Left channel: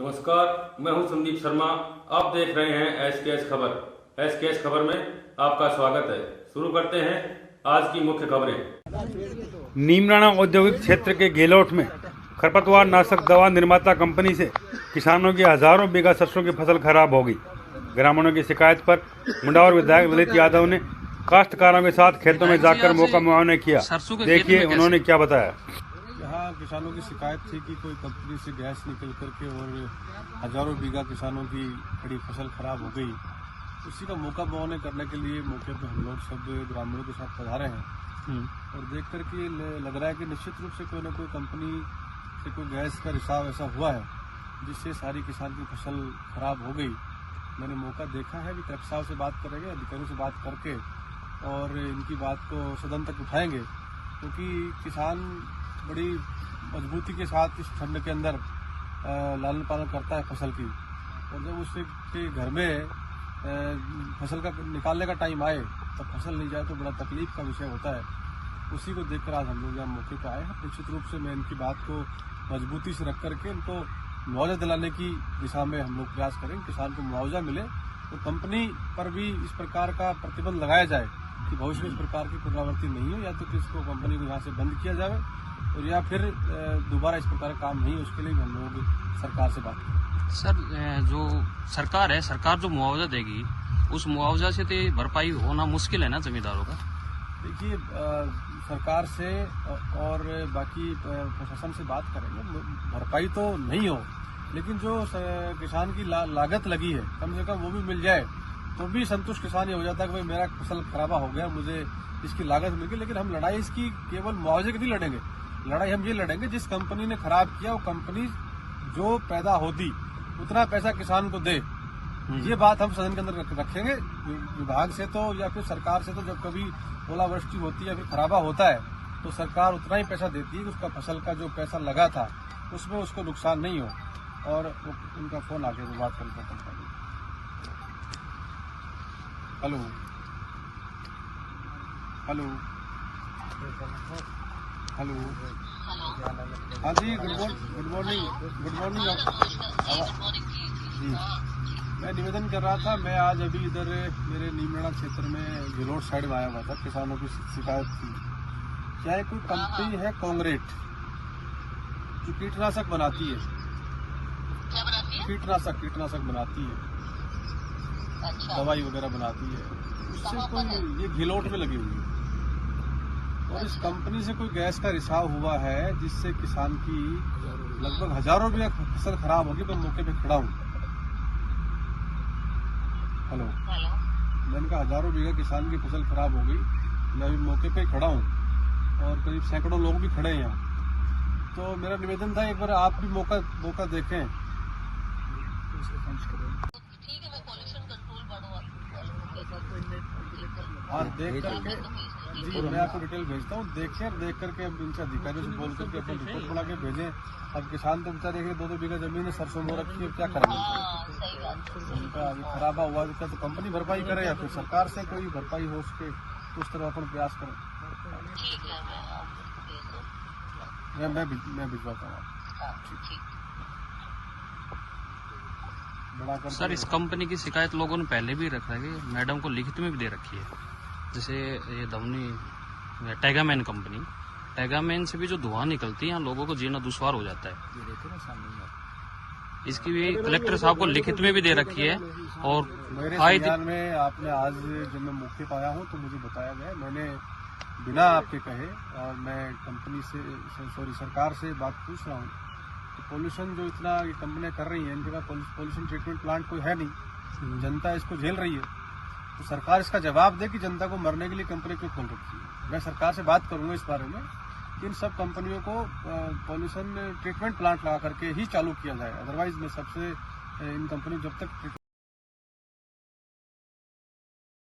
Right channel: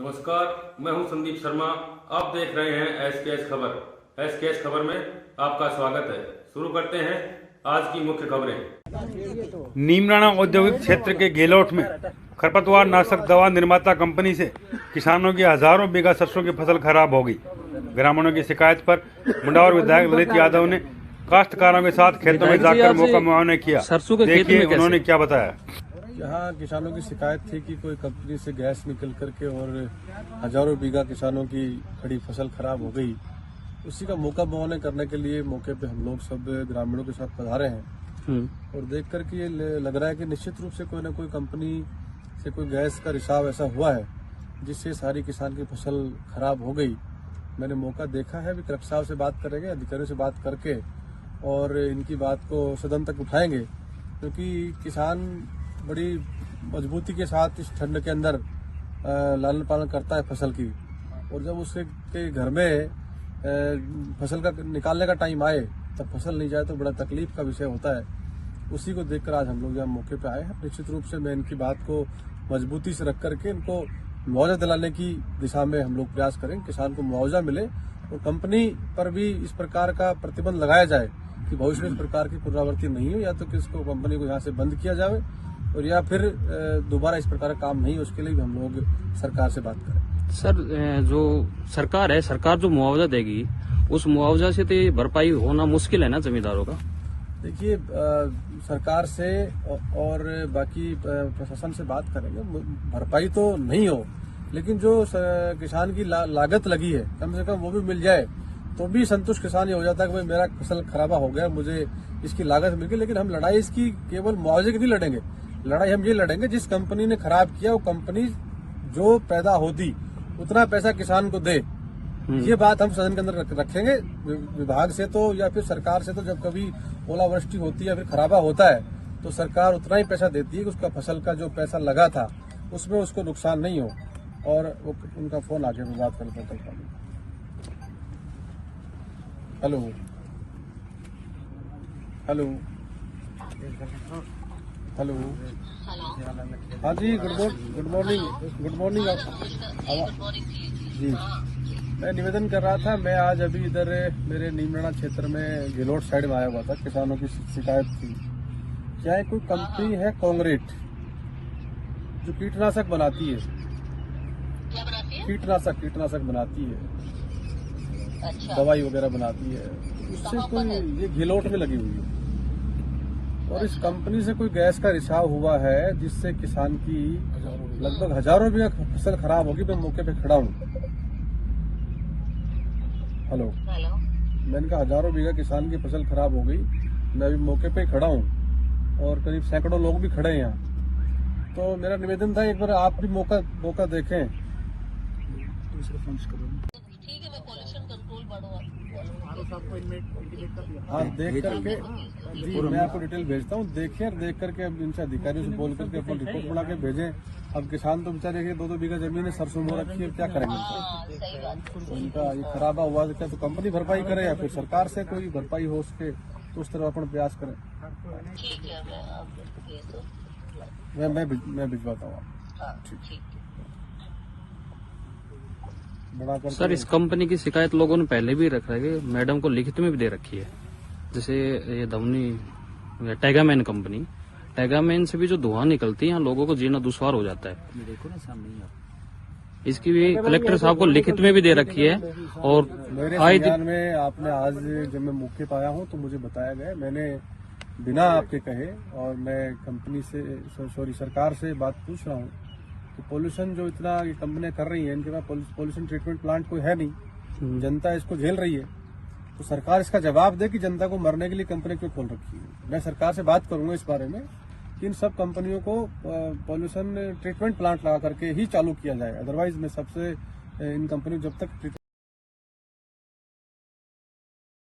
नमस्कार, मैं हूं संदीप शर्मा। आप देख रहे हैं एसकेएस खबर। एसकेएस खबर में आपका स्वागत है। शुरू करते हैं आज की मुख्य खबरें। नीमराणा औद्योगिक क्षेत्र के गेलोट में खरपतवार नाशक दवा निर्माता कंपनी से किसानों की हजारों बीघा सरसों की फसल खराब हो गई। ग्रामीणों की शिकायत पर मुंडावर विधायक ललित यादव ने काश्तकारों के साथ खेतों में जाकर मौका मुआयना किया। देखिए उन्होंने क्या बताया। यहाँ किसानों की शिकायत थी कि कोई कंपनी से गैस निकल करके और हजारों बीघा किसानों की खड़ी फसल खराब हो गई। उसी का मौका मुआयना करने के लिए मौके पे हम लोग सब ग्रामीणों के साथ पधारे हैं और देख करके लग रहा है कि निश्चित रूप से कोई ना कोई कंपनी से कोई गैस का रिसाव ऐसा हुआ है जिससे सारी किसान की फसल खराब हो गई। मैंने मौका देखा है, अभी कलेक्टर साहब से बात करेंगे, अधिकारियों से बात करके और इनकी बात को सदन तक उठाएंगे, क्योंकि किसान बड़ी मजबूती के साथ इस ठंड के अंदर लालन पालन करता है फसल की, और जब उसके घर में फसल का निकालने का टाइम आए तब फसल नहीं जाए तो बड़ा तकलीफ का विषय होता है। उसी को देखकर आज हम लोग यहाँ मौके पे आए हैं। निश्चित रूप से मैं इनकी बात को मजबूती से रख करके इनको मुआवजा दिलाने की दिशा में हम लोग प्रयास करेंगे। किसान को मुआवजा मिले और कंपनी पर भी इस प्रकार का प्रतिबंध लगाया जाए कि भविष्य में इस प्रकार की पुनरावृत्ति नहीं हो, या तो किसको कंपनी को यहाँ से बंद किया जाए और या फिर दोबारा इस प्रकार का काम नहीं हो, उसके लिए भी हम लोग सरकार से बात करें। सर, जो सरकार है, सरकार जो मुआवजा देगी उस मुआवजा से तो भरपाई होना मुश्किल है ना जमींदारों का। देखिए, सरकार से और बाकी प्रशासन से बात करेंगे। भरपाई तो नहीं हो, लेकिन जो किसान की लागत लगी है कम से कम वो भी मिल जाए तो भी संतुष्ट किसान ये हो जाता है कि भाई मेरा फसल खराबा हो गया, मुझे इसकी लागत मिल गई। लेकिन हम लड़ाई इसकी केवल मुआवजे की नहीं लड़ेंगे, लड़ाई हम ये लड़ेंगे जिस कंपनी ने खराब किया वो कंपनी जो पैदा होती उतना पैसा किसान को दे। ये बात हम सदन के अंदर रखेंगे। विभाग से तो या फिर सरकार से तो जब कभी ओलावृष्टि होती है या फिर खराबा होता है तो सरकार उतना ही पैसा देती है कि उसका फसल का जो पैसा लगा था उसमें उसको नुकसान नहीं हो। और उनका फोन आ गया तो बात करते हैं। हेलो हेलो हेलो, हाँ जी, गुड मॉर्निंग जी। मैं निवेदन कर रहा था, मैं आज अभी इधर मेरे नीमराणा क्षेत्र में गेलोट साइड में आया हुआ था। किसानों की शिकायत थी। क्या है, कोई कंपनी है कांग्रेट जो कीटनाशक बनाती है, कीटनाशक बनाती है, दवाई वगैरह बनाती है, उससे कोई ये गेलोट में लगी हुई है और इस कंपनी से कोई गैस का रिसाव हुआ है जिससे किसान की लगभग हजारों बीघा फसल खराब होगी। मैं मौके पे खड़ा हूँ। हेलो, मैंने कहा हजारों बीघा किसान की फसल खराब हो गई। मैं अभी मौके पे खड़ा हूँ और करीब सैकड़ों लोग भी खड़े हैं यहाँ। तो मेरा निवेदन था एक बार आप भी मौका देखें। हाँ, देख करके जी मैं आपको डिटेल भेजता हूँ। देखें और देख करके अब इनसे अधिकारियों से बोल करके अपना रिपोर्ट बना के भेजें। अब किसान तो बेचारे देखिए 2-2 बीघा जमीन है, सरसों बो रखी है, क्या करेंगे तो उनका अभी खराबा हुआ तो क्या तो कंपनी भरपाई करे या फिर सरकार से कोई भरपाई हो उसके, उस तरह अपन प्रयास करें। मैं भिजवाता हूँ। सर, इस कंपनी की शिकायत लोगों ने पहले भी रखा है, मैडम को लिखित में भी दे रखी है। जैसे ये धमनी टैगामैन कंपनी, टैगामैन से भी जो धुआं निकलती है यहाँ लोगों को जीना दुश्वार हो जाता है। इसकी भी कलेक्टर साहब को लिखित में भी दे रखी है। और मेरे संज्ञान में आपने आज जब मैं मौके पर आया हूँ तो मुझे बताया गया, मैंने बिना आपके कहे और मैं कंपनी से सरकार से बात पूछ रहा हूँ कि पोल्यूशन जो इतना ये कंपनियां कर रही हैं, इनके पास पोल्यूशन ट्रीटमेंट प्लांट कोई है नहीं, जनता इसको झेल रही है, तो सरकार इसका जवाब दे कि जनता को मरने के लिए कंपनी क्यों खोल रखी है। मैं सरकार से बात करूंगा इस बारे में कि इन सब कंपनियों को पोल्यूशन ट्रीटमेंट प्लांट लगा करके ही चालू किया जाए। अदरवाइज मैं सबसे इन कंपनी जब तक